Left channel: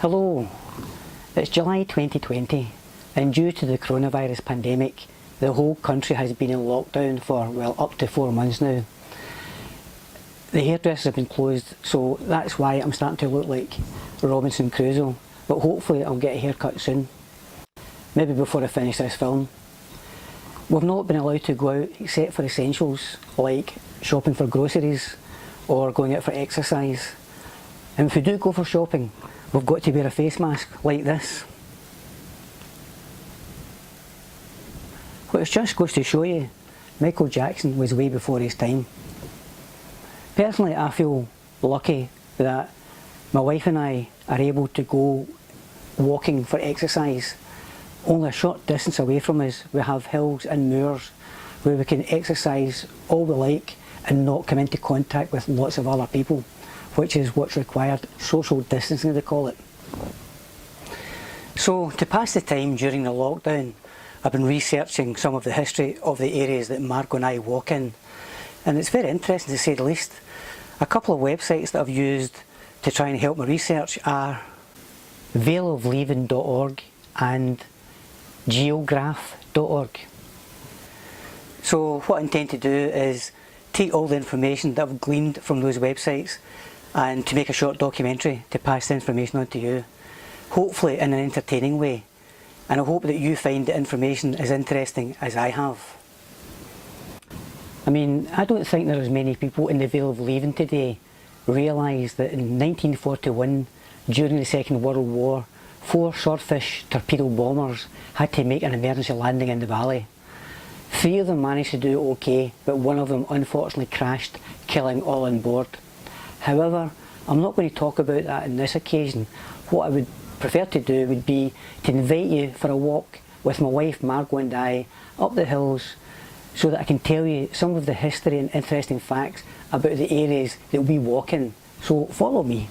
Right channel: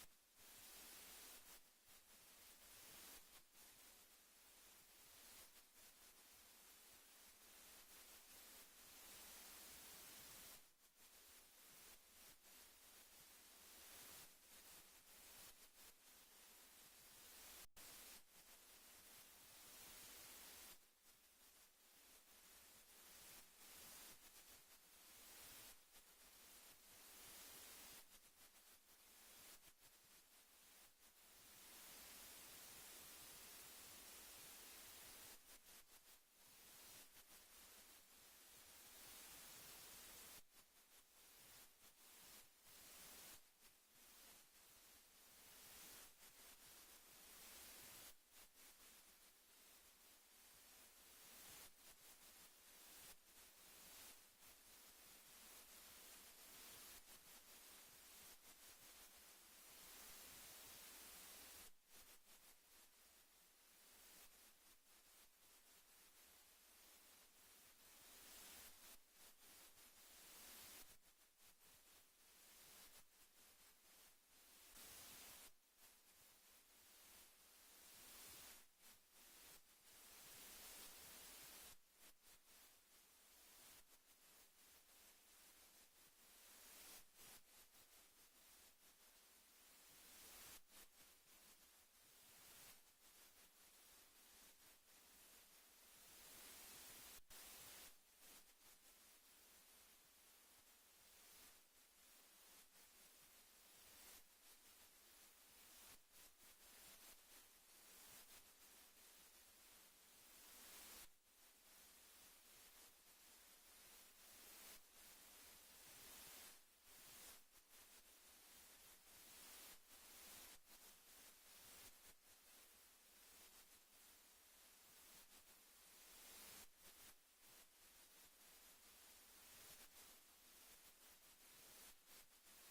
Hello, it's July 2020 and due to the coronavirus pandemic the whole country has been in lockdown for, well, up to 4 months now. The hairdressers have been closed, so that's why I'm starting to look like Robinson Crusoe, but hopefully I'll get a haircut soon. Maybe before I finish this film. We've not been allowed to go out except for essentials like shopping for groceries or going out for exercise. And if we do go for shopping, we've got to wear a face mask like this. Which just goes to show you, Michael Jackson was way before his time. Personally, I feel lucky that my wife and I are able to go walking for exercise. Only a short distance away from us we have hills and moors where we can exercise all we like and not come into contact with lots of other people, which is what's required, social distancing they call it. So to pass the time during the lockdown, I've been researching some of the history of the areas that Margot and I walk in, and it's very interesting to say the least. A couple of websites that I've used to try and help my research are valeofleaving.org and geograph.org. So what I intend to do is take all the information that I've gleaned from those websites and to make a short documentary to pass the information on to you, hopefully in an entertaining way, and I hope that you find the information as interesting as I have. I mean, I don't think there are as many people in the Vale of Leaving today realise that in 1941, during the Second World War, 4 Swordfish torpedo bombers had to make an emergency landing in the valley. 3 of them managed to do okay, but 1 of them unfortunately crashed, killing all on board. However, I'm not going to talk about that on this occasion. What I would prefer to do would be to invite you for a walk with my wife Margot and I up the hills so that I can tell you some of the history and interesting facts about the areas that we walk in. So follow me.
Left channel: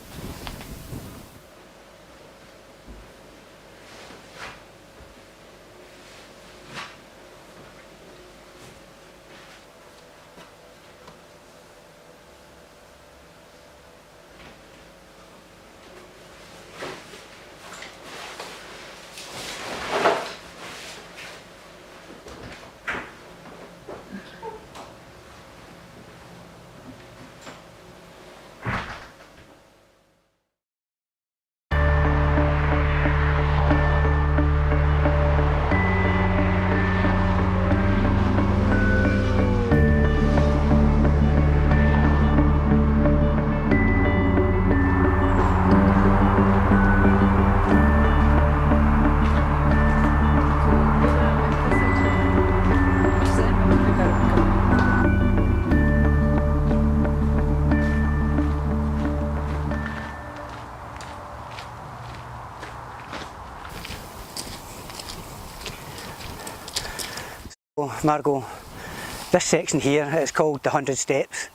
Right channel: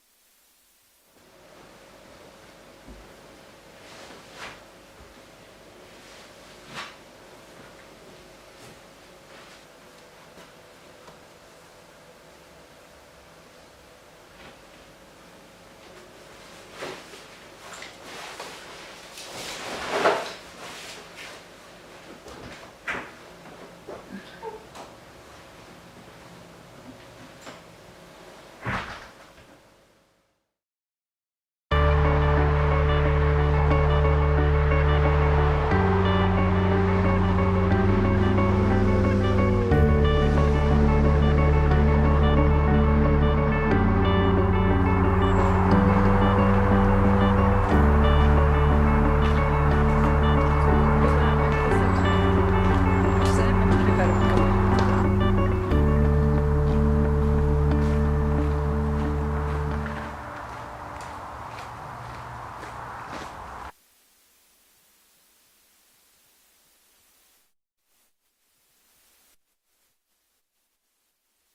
Margot, this section here is called the 100 Steps.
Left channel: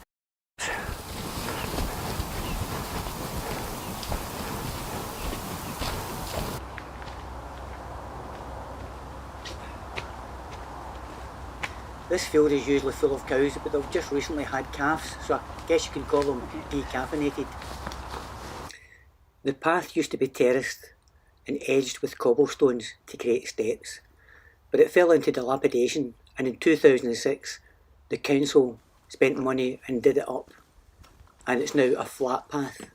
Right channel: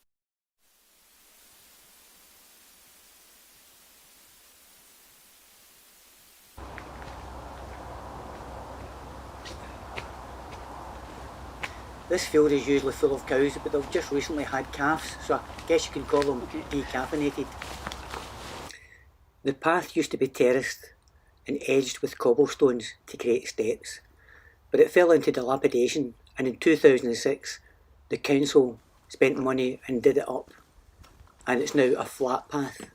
This field is usually full of cows, but they've just recently had calves, so I guess you can call them decaffeinated. The path used to be terraced and edged with cobblestones to create steps, but it fell into dilapidation, and in 2006 the council spent money and did it up, and it's now a flat path.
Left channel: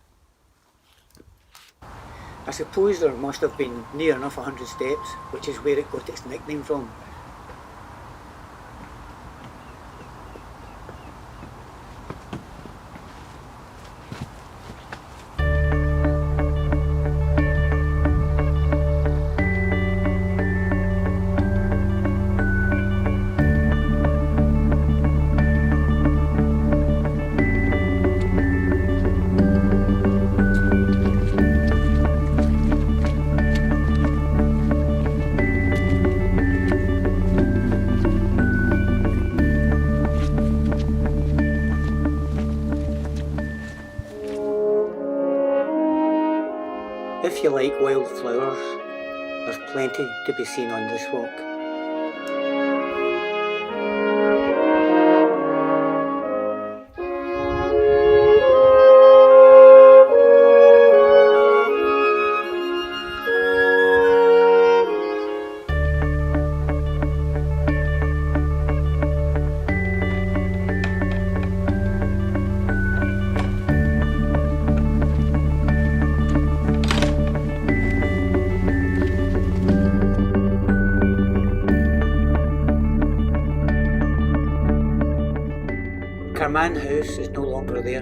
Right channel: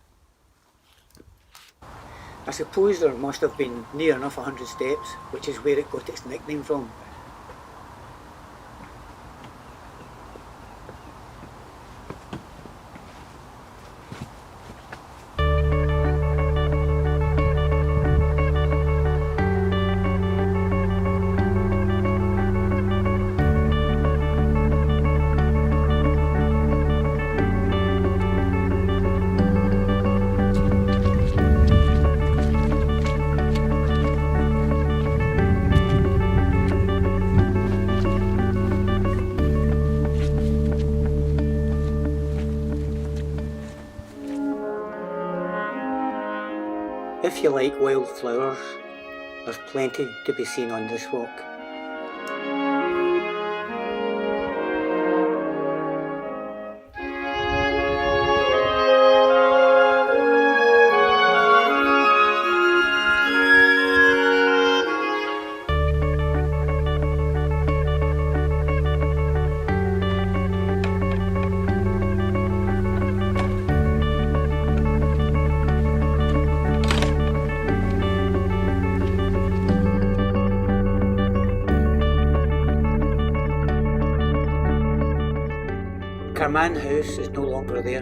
I suppose there must have been near enough 100 steps, which is where it got its nickname from. If you like wild flowers, there's plenty to be seen on this walk. Carman House is no longer there.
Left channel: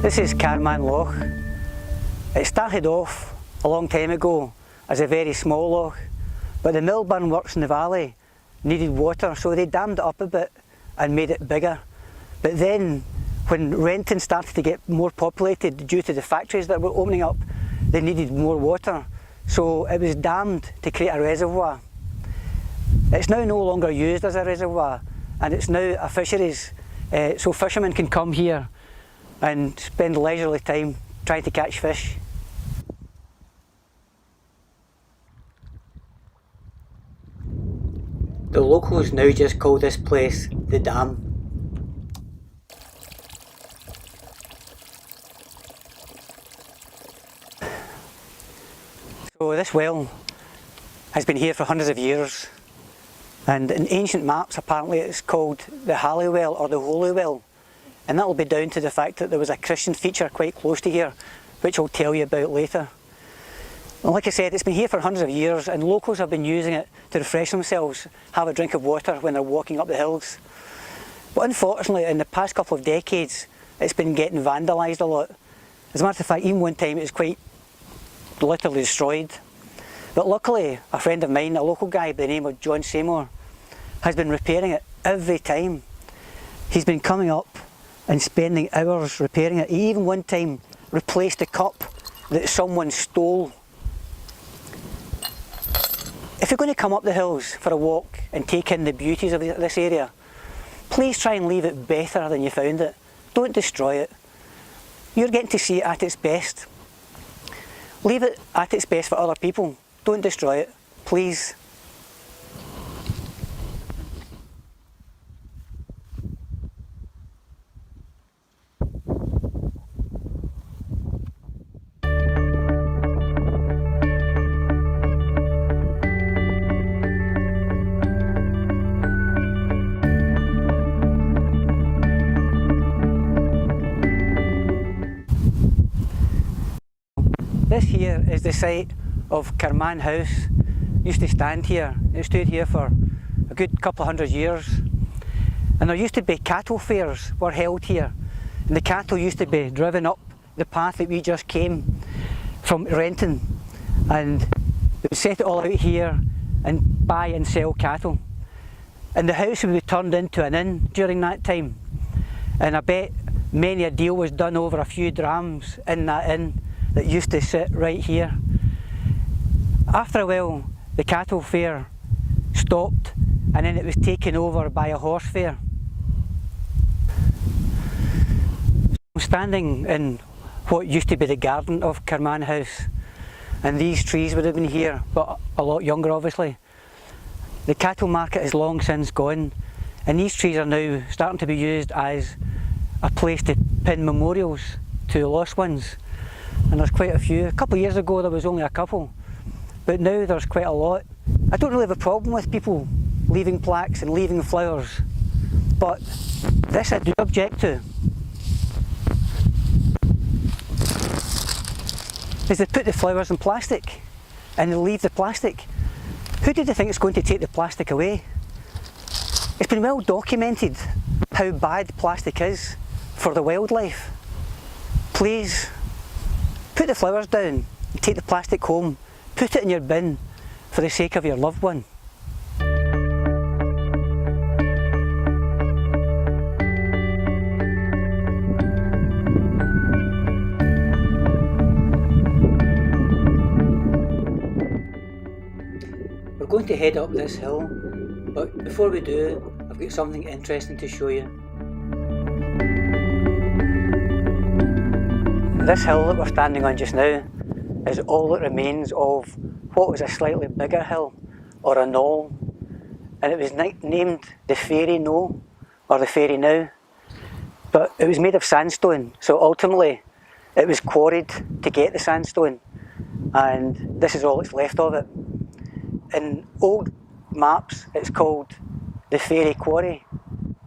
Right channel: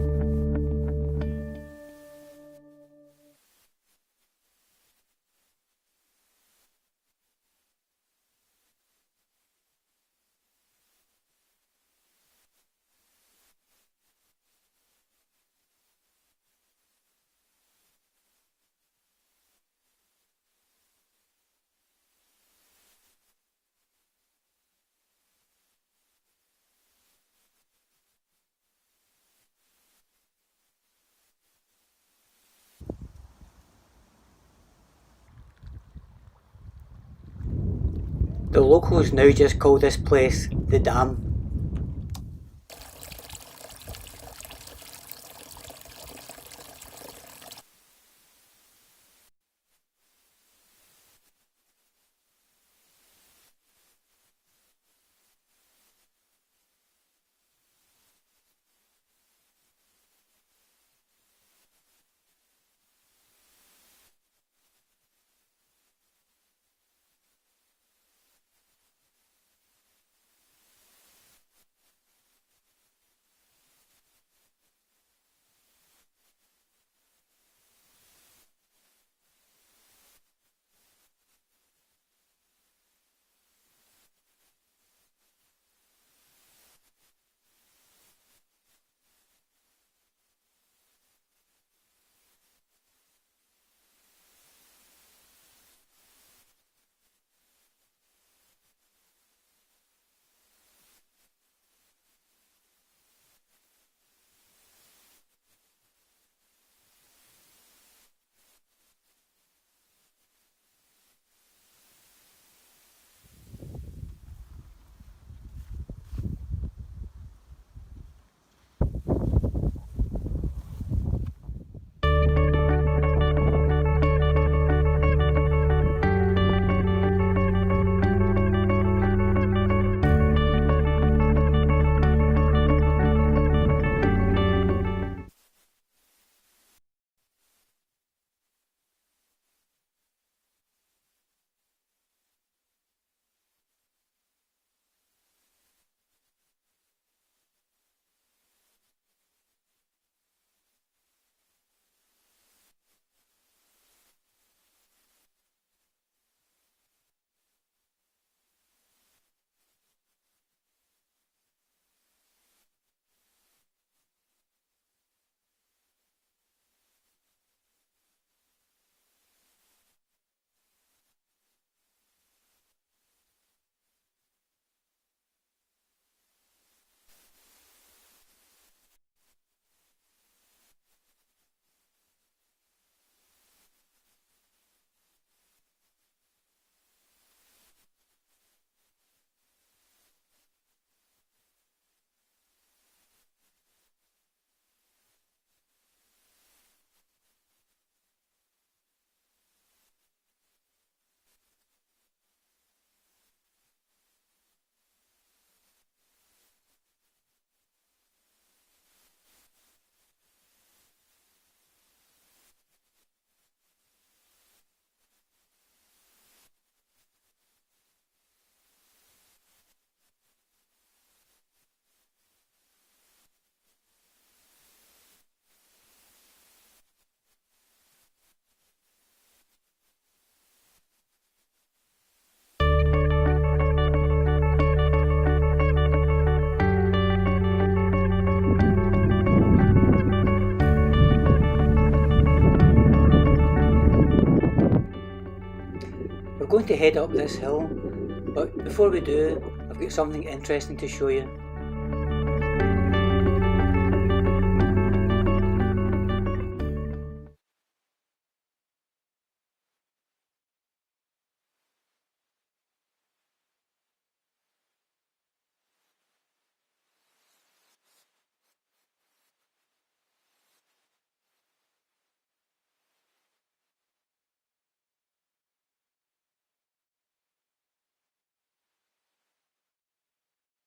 This is Carman Loch. It started off a long time ago as a very small loch, but the millburn works in the valley needed water, so they dammed it up a bit and made it bigger. But then when Renton started to get more populated due to the factories that were opening up, they needed more water, so it was dammed to create a reservoir. It's now no longer used as a reservoir, and it's now a fisheries, so fishermen can come here and spend leisurely time trying to catch fish. The locals now just call this place the Dam. So this well has been here for hundreds of years, and in ancient maps apparently it's called the Halley Well or the Holy Well, and that will be down to the fact that there was a Christian feature quite close to here, which I'll tell you about later. And like I said, it's been here for hundreds of years, and locals have been using it to refresh themselves, have a drink of water when they're walking up the hills. But unfortunately, in the past couple of decades, it's been getting vandalised a lot. As a matter of fact, even one time it was quite literally destroyed. But luckily, a friend of mine, a local guy by the name of John Seymour, has been repairing it every time. He's been coming up and spending hours repairing it. He even one time replaced the cup that someone stole. If you're going to come up the hills for a walk and take in the beauties of this area, please try and leave it better than you found it. Don't destroy it. You're getting to see it at its best. Leave it at its best for other people. Don't destroy it, please. This here is the site of Carman House. It used to stand here. It stood here for a good couple of hundred years. And there used to be cattle fairs were held here. And the cattle used to be driven up the path that we just came from Renton. And they would set it all out here and buy and sell cattle. And the house would be turned into an inn during that time. And I bet many a deal was done over a few drams in that inn that used to sit right here. After a while, the cattle fair stopped, and then it was taken over by a horse fair. I'm standing in what used to be the garden of Carman House, and these trees would have been here, but a lot younger obviously. The cattle market is long since gone, and these trees are now starting to be used as a place to pin memorials to lost ones. And there's quite a few. A couple of years ago there was only a couple, but now there's quite a lot. I don't really have a problem with people leaving plaques and leaving flowers, but this I do object to. Is they put the flowers in plastic and they leave the plastic. Who do they think is going to take the plastic away? It's been well documented how bad plastic is for the wildlife. Please, put the flowers down, and take the plastic home, put it in your bin for the sake of your loved one. We're going to head up this hill, but before we do, I've got something interesting to show you. This hill that we're standing on just now is all that remains of what was a slightly bigger hill, or a knoll, and it was named the Fairy Knoll, or the Fairy Now, but it was made of sandstone, so ultimately it was quarried to get the sandstone, and this is all that's left of it. In old maps it's called the Fairy Quarry,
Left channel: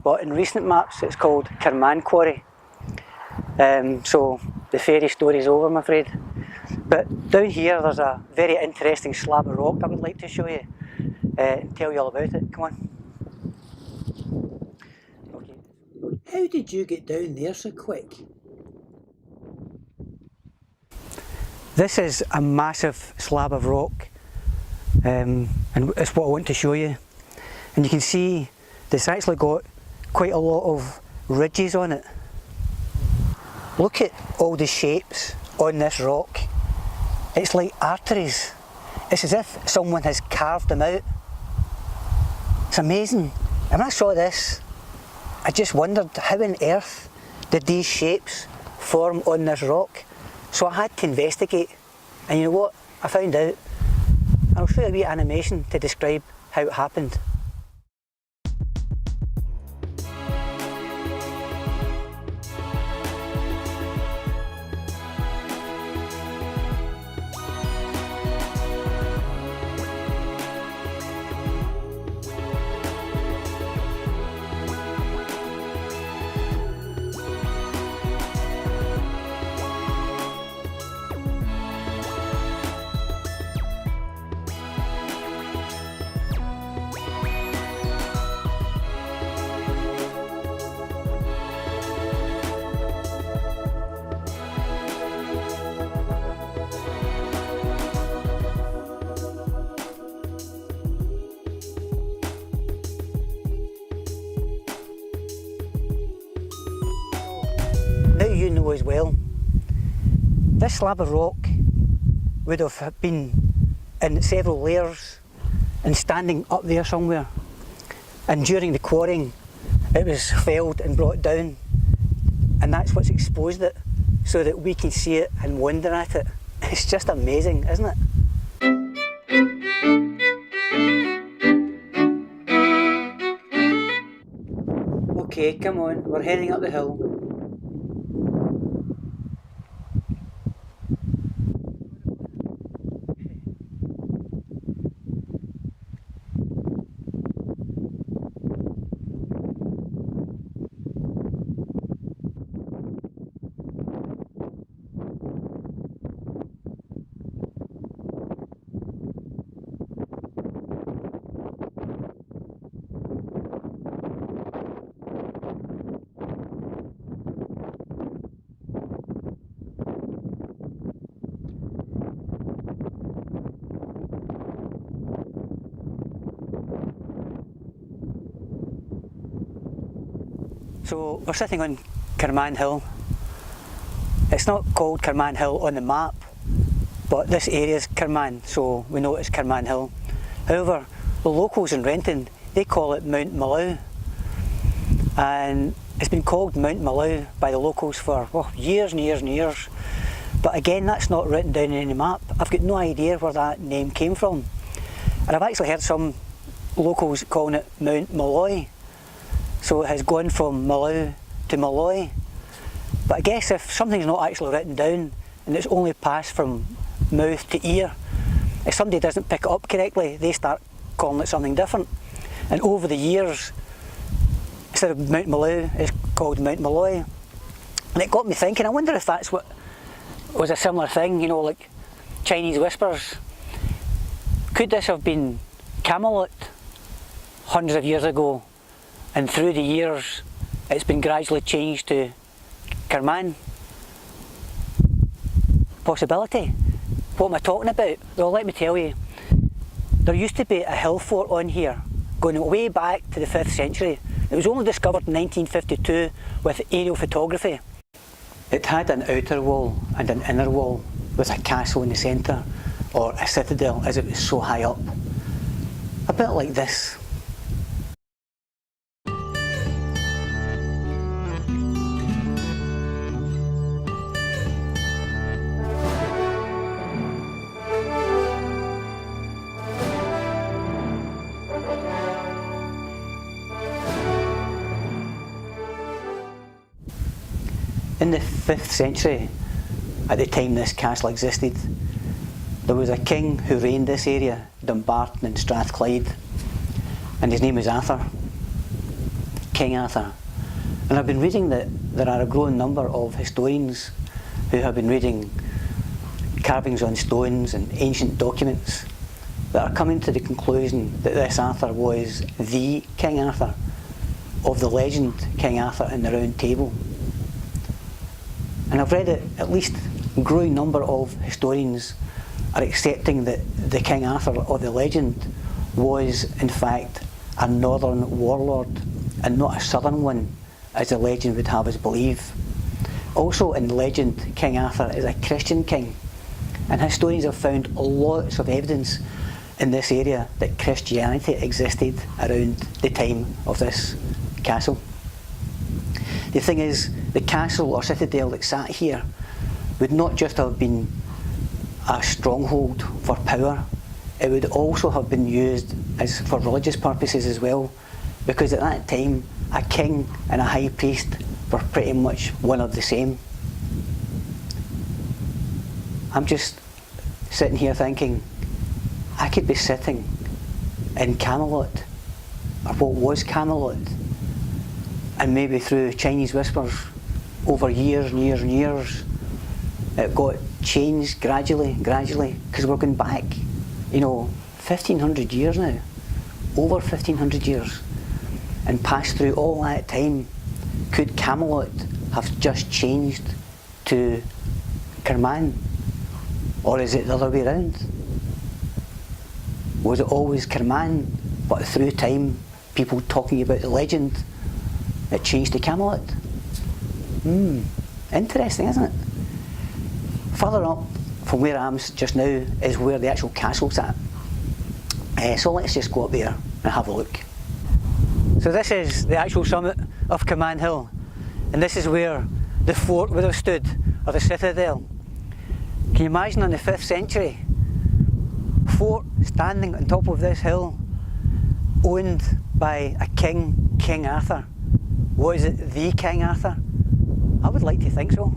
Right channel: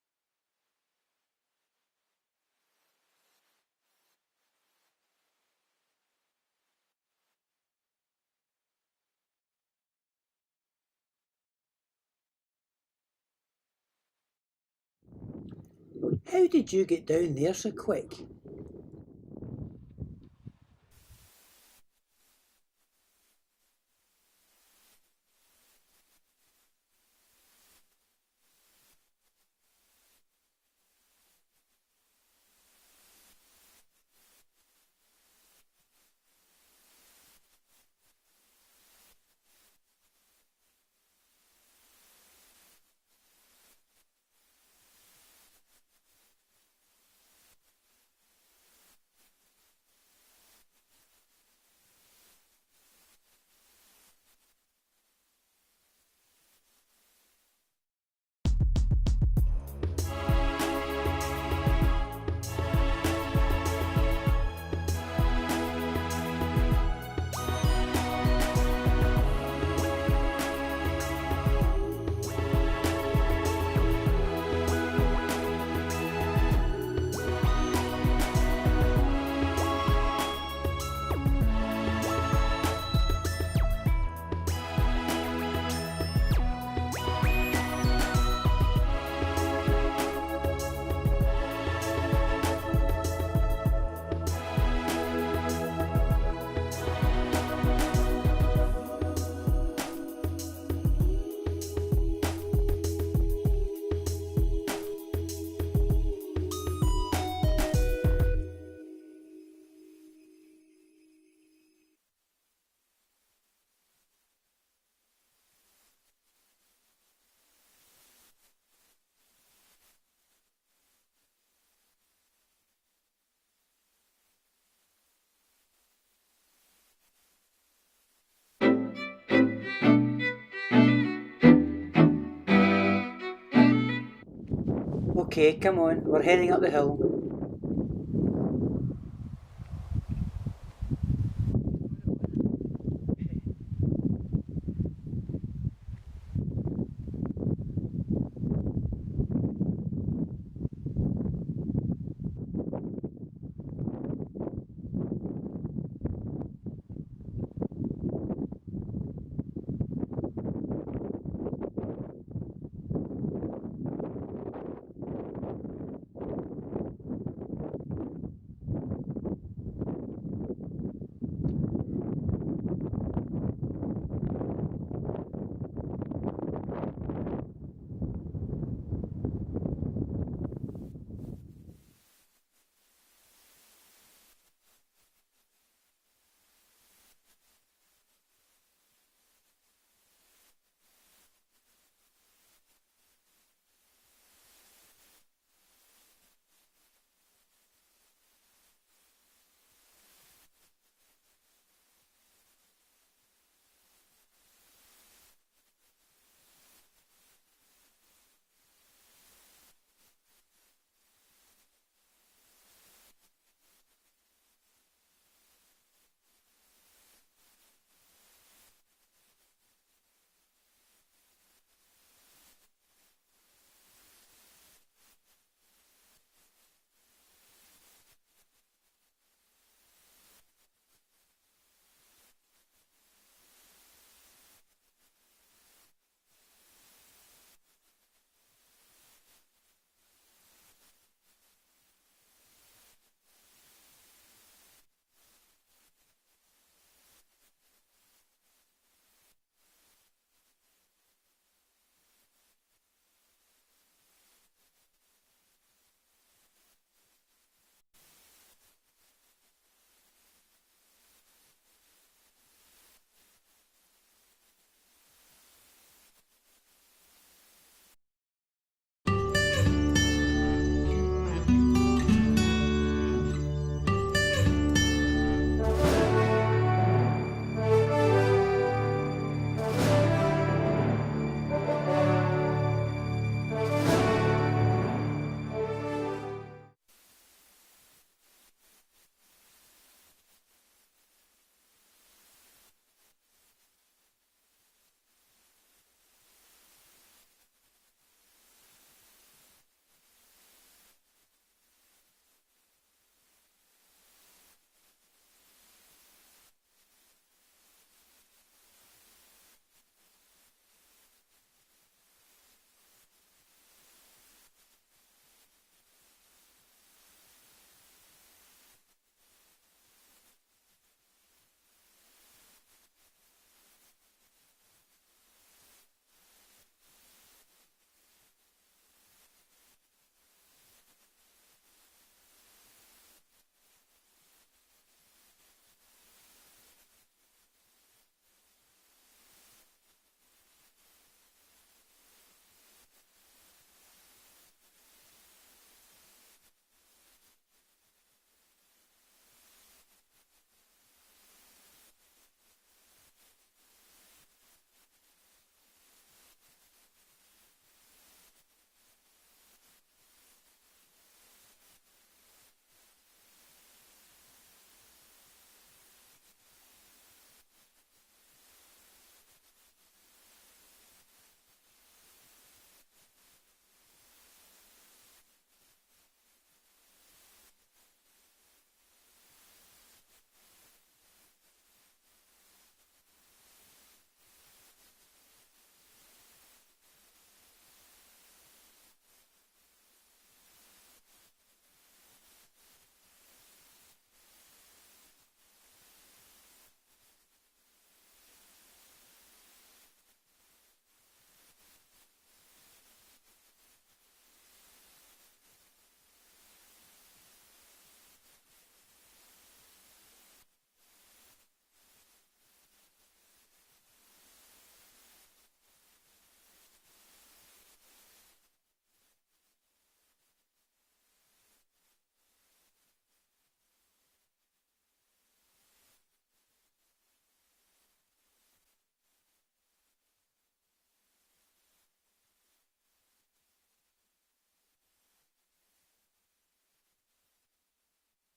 but in recent maps it's called Carman Quarry. So the fairy story's over, I'm afraid. But down here there's a very interesting slab of rock I would like to show you and tell you all about it. Come on. How did you get down there so quick? This is a massive slab of rock, and it's what I want to show you. And you can see this actually got quite a lot of ridges on it. Look at all the shapes on this rock. It's like arteries. It's as if someone has carved them out. It's amazing. And when I saw this, I just wondered how on earth did these shapes form on this rock? So I had to investigate, and you know what? I found out. I'll show you a wee animation to describe how it happened. As well, this slab of rock would have been in several layers and standing up there somewhere, and during the quarrying it was felled and brought down, and that's what's exposed it so that we can see it and wonder at it. It's just amazing, isn't it? Okay, come on, we're heading up the hill. So we're sitting on Carman Hill. It's not called Carman Hill on the map, but this area is Carman, so we know it's Carman Hill. However, the locals in Renton, they call it Mount Mallow. And it's been called Mount Mallow by the locals for years and years and years. But again, that's not written down in any map. I've got no idea where that name came from. And I've actually heard some locals calling it Mount Malloy. So it has gone from Mallow to Malloy. But I guess if something's not actually written down and it's only passed from mouth to ear, if somebody doesn't pick it up correctly, they start calling it something different. And over the years, instead of Mount Mallow, it's called Mount Malloy. And it got me thinking, I wonder if that's what was a similar thing, you know, like Chinese whispers. Could this have been Camelot hundreds of years ago, and through the years it's been gradually changed to Carman? Possibility. What am I talking about? Well, let me tell you. There used to be a hill fort on here going way back to the 5th century. It was only discovered in 1952 with aerial photography. It had an outer wall and an inner wall with a castle in the centre, or a citadel as it was so high up. A bit like this. In the 5th century, at the time this castle existed, there was a king who reigned this area, Dumbarton and Strathclyde, and his name was Arthur, King Arthur. And I've been reading that there are a growing number of historians who have been reading carvings on stones and ancient documents that are coming to the conclusion that this Arthur was the King Arthur. of the legend King Arthur and the Round Table. And I've read that at least a growing number of historians are accepting that the King Arthur of the legend was in fact a northern warlord and not a southern one, as the legend would have us believe. Also in the legend, King Arthur is a Christian king, and historians have found lots of evidence in this area that Christianity existed around the time of this castle. The thing is, the castle or citadel that sat here would not just have been a stronghold for power, it would also have been used for religious purposes as well, because at that time a king and a high priest were pretty much one of the same. I'm just sitting here thinking, I could be sitting in Camelot, or what was Camelot, and maybe through Chinese whispers over years and years and years it got changed gradually, because we're going back, 1500 years now, over 1500 years, and passed through all that time. Could Camelot have just changed to Kerman, or is it the other way around? Was it always Kerman, but through time, people talking about the legend, it changed to Camelot? Interesting, isn't it? Further up from where I am just now is where the actual castle's at. So let's just go up there and have a look. So this is the actual summit of Kerman Hill, and this is where the fort would have stood, or the citadel. Can you imagine in the 5th century, fort standing on top of this hill, owned by a king, King Arthur? Was it the King Arthur? I would like to think so.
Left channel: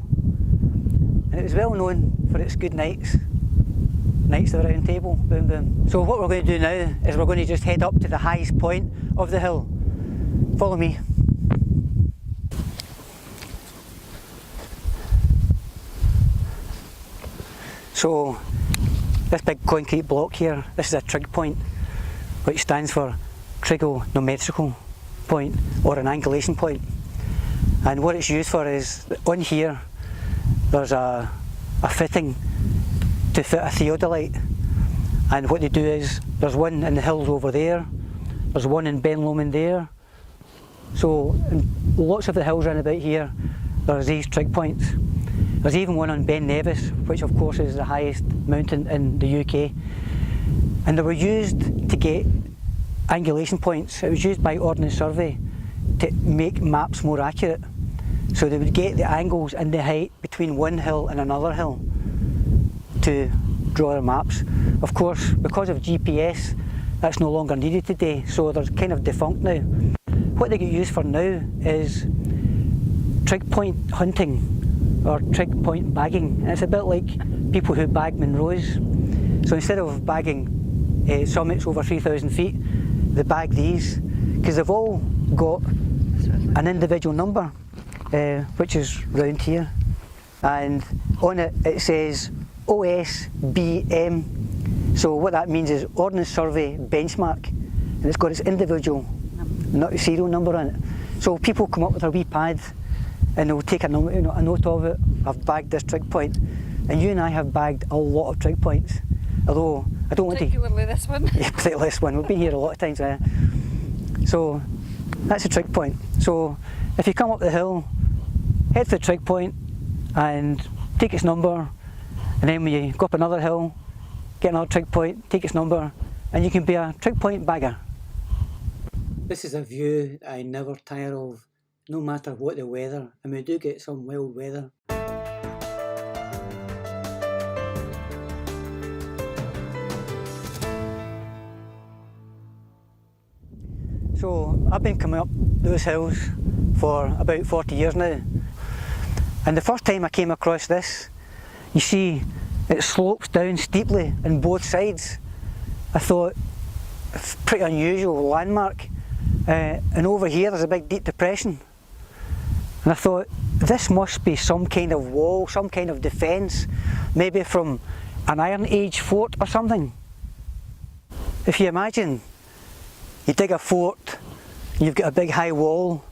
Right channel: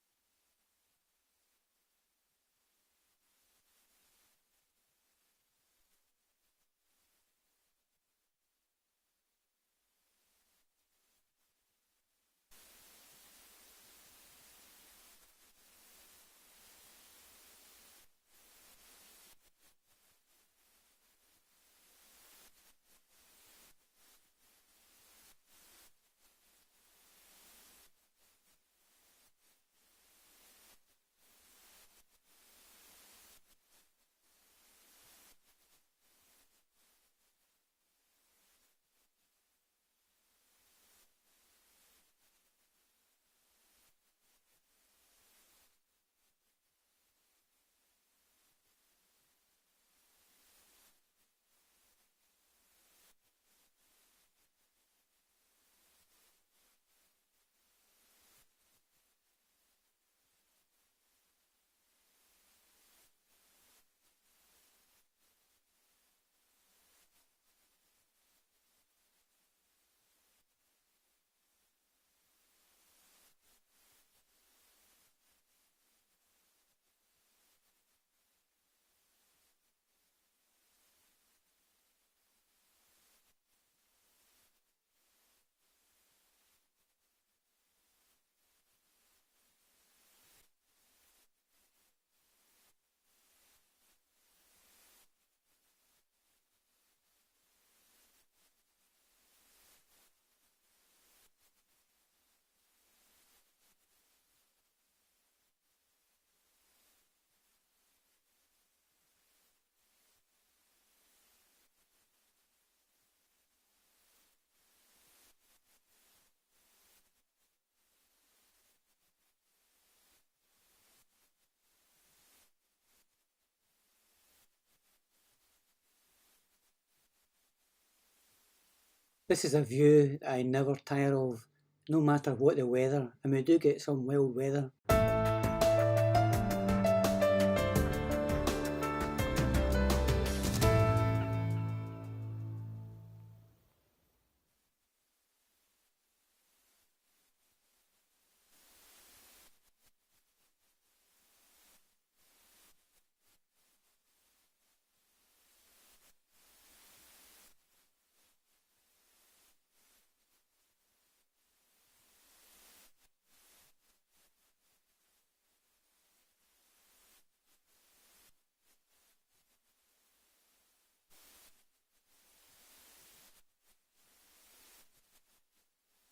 And it was well known for its good knights. Knights of the Round Table, boom boom. So what we're going to do now is we're going to just head up to the highest point of the hill. Follow me. So this big concrete block here, this is a trig point, which stands for trigonometrical point, or an angulation point. And what it's used for is, on here there's a fitting to fit a theodolite, and what they do is, there's one in the hills over there, there's one in Ben Lomond there, so in lots of the hills around about here there's these trig points. There's even one on Ben Nevis, which of course is the highest mountain in the UK, and they were used to get angulation points. It was used by Ordnance Survey to make maps more accurate, so they would get the angles and the height between one hill and another hill to draw their maps. Of course, because of GPS, that's no longer needed today, so they're kind of defunct now. What they get used for now is trig point hunting, or trig point bagging, and it's a bit like people who bag Munros. So instead of bagging summits over 3,000 feet, they bag these, because they've all got an individual number, which is round here, and on it it says OSBM. So what that means is Ordnance Survey Benchmark, and it's got its individual serial number on it. So people come up with a wee pad and they'll take a note of it. I've bagged this trig point, and you and I have bagged a lot of trig points, although I don't want to... Particularly this one. Yeah, particularly this one. We've been here a lot of times. So that's a trig point. So if you come up the hill, head to the trig point and take its number, and then when you go up another hill, get another trig point, take its number, and you can be a trig point bagger. This is a view I never tire of, no matter what the weather, and we do get some wild weather. So I've been coming up those hills for about 40 years now, and the first time I came across this, you see it slopes down steeply on both sides. I thought, pretty unusual landmark, and over here there's a big deep depression, and I thought, this must be some kind of wall, some kind of defence, maybe from an Iron Age fort or something. If you imagine, you dig a fort you've got a big high wall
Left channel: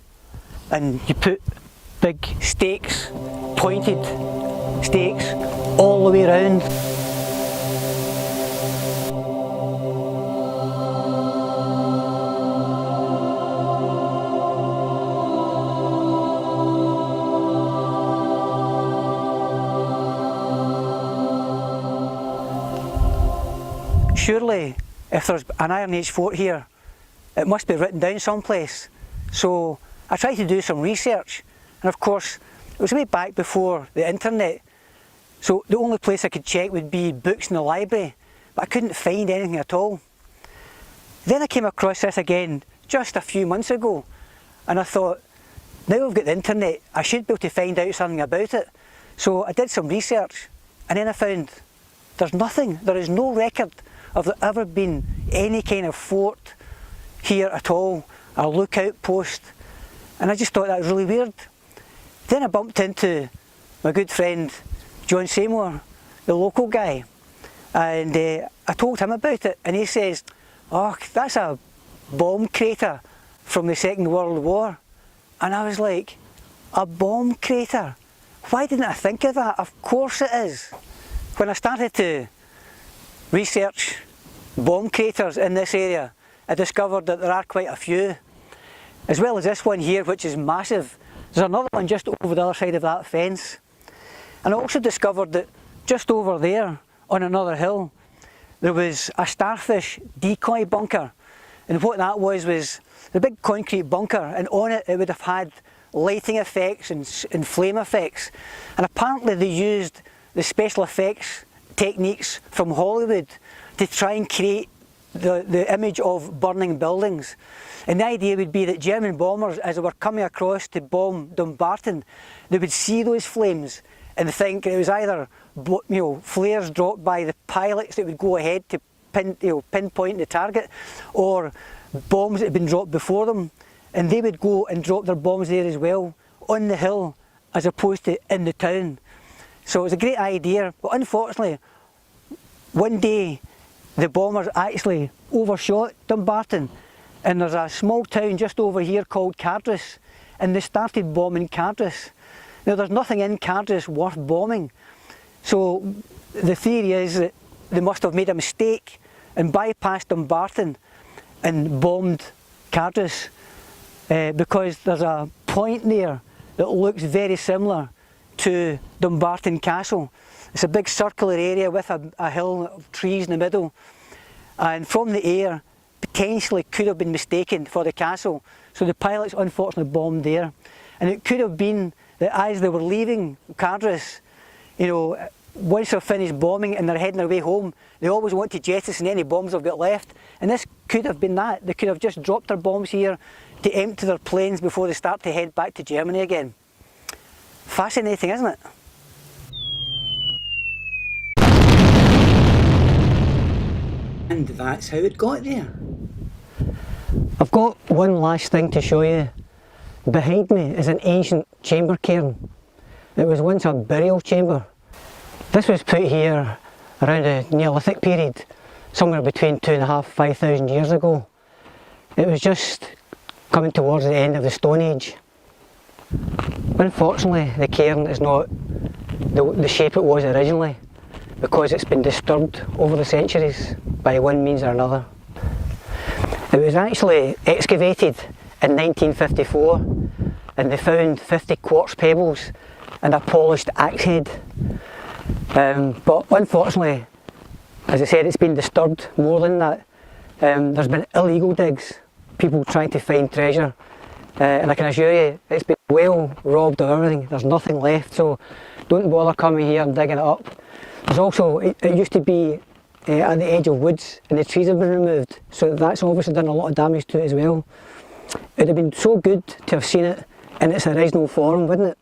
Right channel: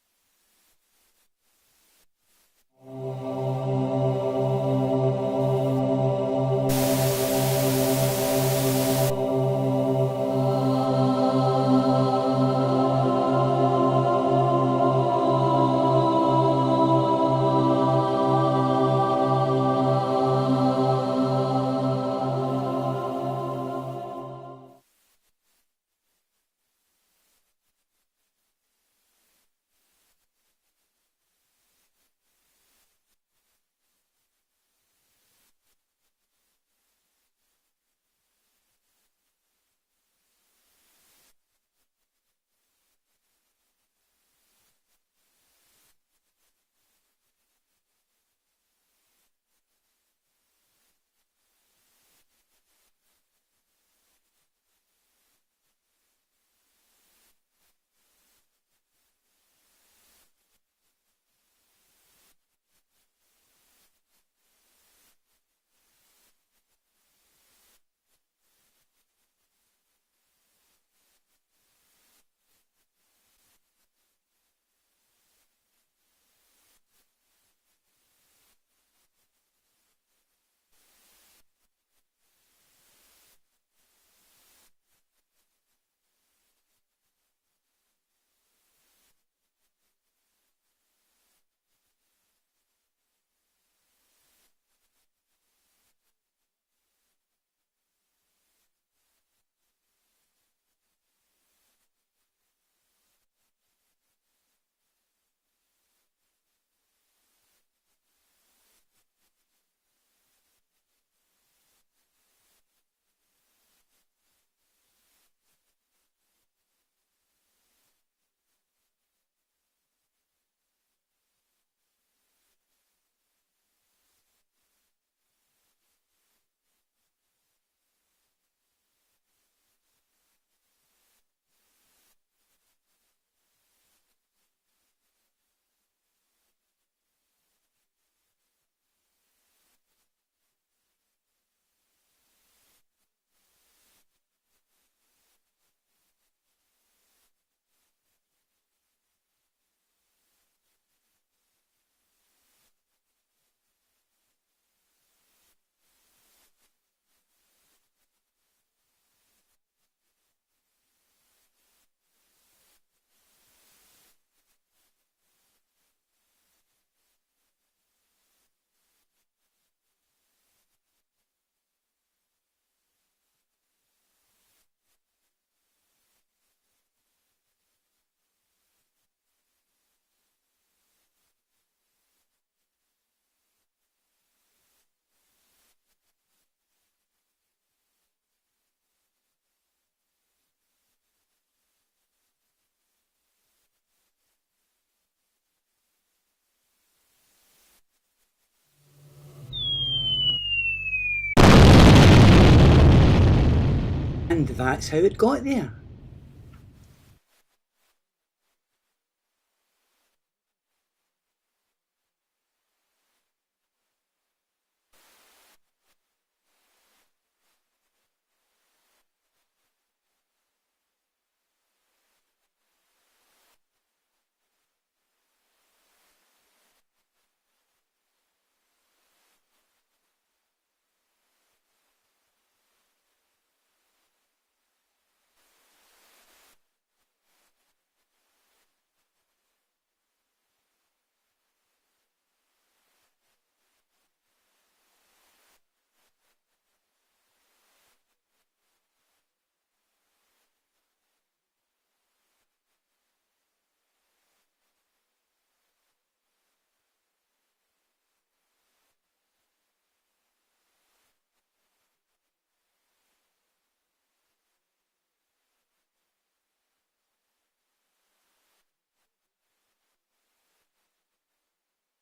and you put big stakes, pointed stakes, all the way around. Surely, if there's an Iron Age fort here, it must be written down someplace. So I tried to do some research, and of course, it was way back before the internet. So the only place I could check would be books in the library, but I couldn't find anything at all. Then I came across this again just a few months ago, and I thought, now I've got the internet, I should be able to find out something about it. So I did some research, and then I found there's nothing, there is no record of there ever been any kind of fort here at all, a lookout post, and I just thought that was really weird. Then I bumped into my good friend John Seymour, the local guy, and I told him about it, and he says, "Oh, that's a bomb crater from the Second World War." And I was like, a bomb crater? Why didn't I think of that? Of course it is. When I started to research bomb craters in this area, I discovered that there are quite a few, as well as this one here, which is massive. There's another one just over the other side of that fence. And I also discovered that just over there, on another hill, there was a starfish decoy bunker. And what that was a big concrete bunker, and on it, it would have had lighting effects and flame effects. And apparently they used the special effects techniques from Hollywood to try and create the image of burning buildings. And the idea would be that German bombers, as they were coming across to bomb Dumbarton, they would see those flames and think it was either flares dropped by the pilots that would go ahead to pinpoint the target, or bombs that had been dropped before them, and they would go and drop their bombs there as well, on the hill, as opposed to in the town. So it was a great idea, but unfortunately, one day the bombers actually overshot Dumbarton, and there's a small town just over here called Cardress, and they started bombing Cardress. Now there's nothing in Cardress worth bombing, so the theory is that they must have made a mistake and bypassed Dumbarton and bombed Cardress, because there's a point there that looks very similar to Dumbarton Castle. It's a big circular area with a hill of trees in the middle, and from the air potentially could have been mistaken for the castle. So the pilots unfortunately bombed there, and it could have been that as they were leaving Cardress, once they're finished bombing and they're heading their way home, they always want to jettison any bombs they've got left, and this could have been that. They could have just dropped their bombs here to empty their planes before they start to head back to Germany again. Fascinating, isn't it? And that's how it got there. I've got one last thing to show you. Behind me is an ancient chamber cairn. It was once a burial chamber. This was put here around the Neolithic period, somewhere between 2,500 and 5,000 years ago. It was just coming towards the end of the Stone Age. Unfortunately, the cairn is not the shape it was originally, because it's been disturbed over the centuries by one means or another. It was actually excavated in 1954, and they found 50 quartz pebbles and a polished axe head. But unfortunately, as I said, it's been disturbed more than that. There's been illegal digs, people trying to find treasure, and I can assure you it's been well robbed of everything. There's nothing left, so don't bother coming here and digging it up. There's also, it used to be at the edge of woods, and the trees have been removed, so that's obviously done a lot of damage to it as well. It would have been so good to have seen it in its original form, wouldn't it?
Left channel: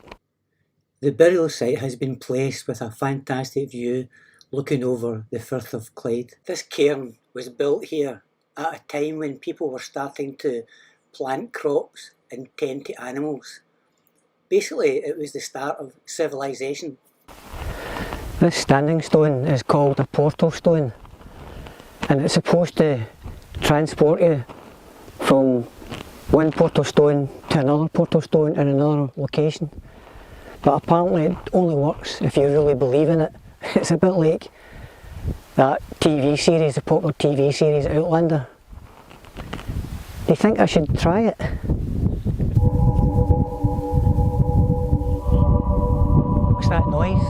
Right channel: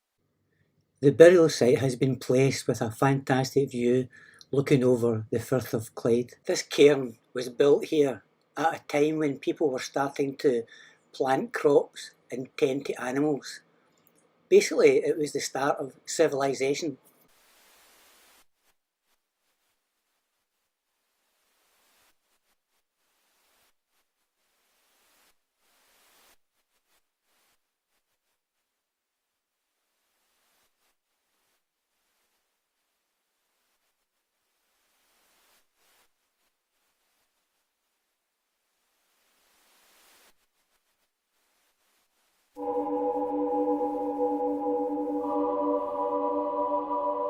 The burial site has been placed with a fantastic view looking over the Firth of Clyde. This cairn was built here at a time when people were starting to plant crops and tend to animals. Basically, it was the start of civilization. This standing stone is called a portal stone, and it's supposed to transport you from one portal stone to another portal stone in another location. But apparently it only works if you really believe in it. It's a bit like that TV series, the popular TV series Outlander. Do you think I should try it? What's that noise?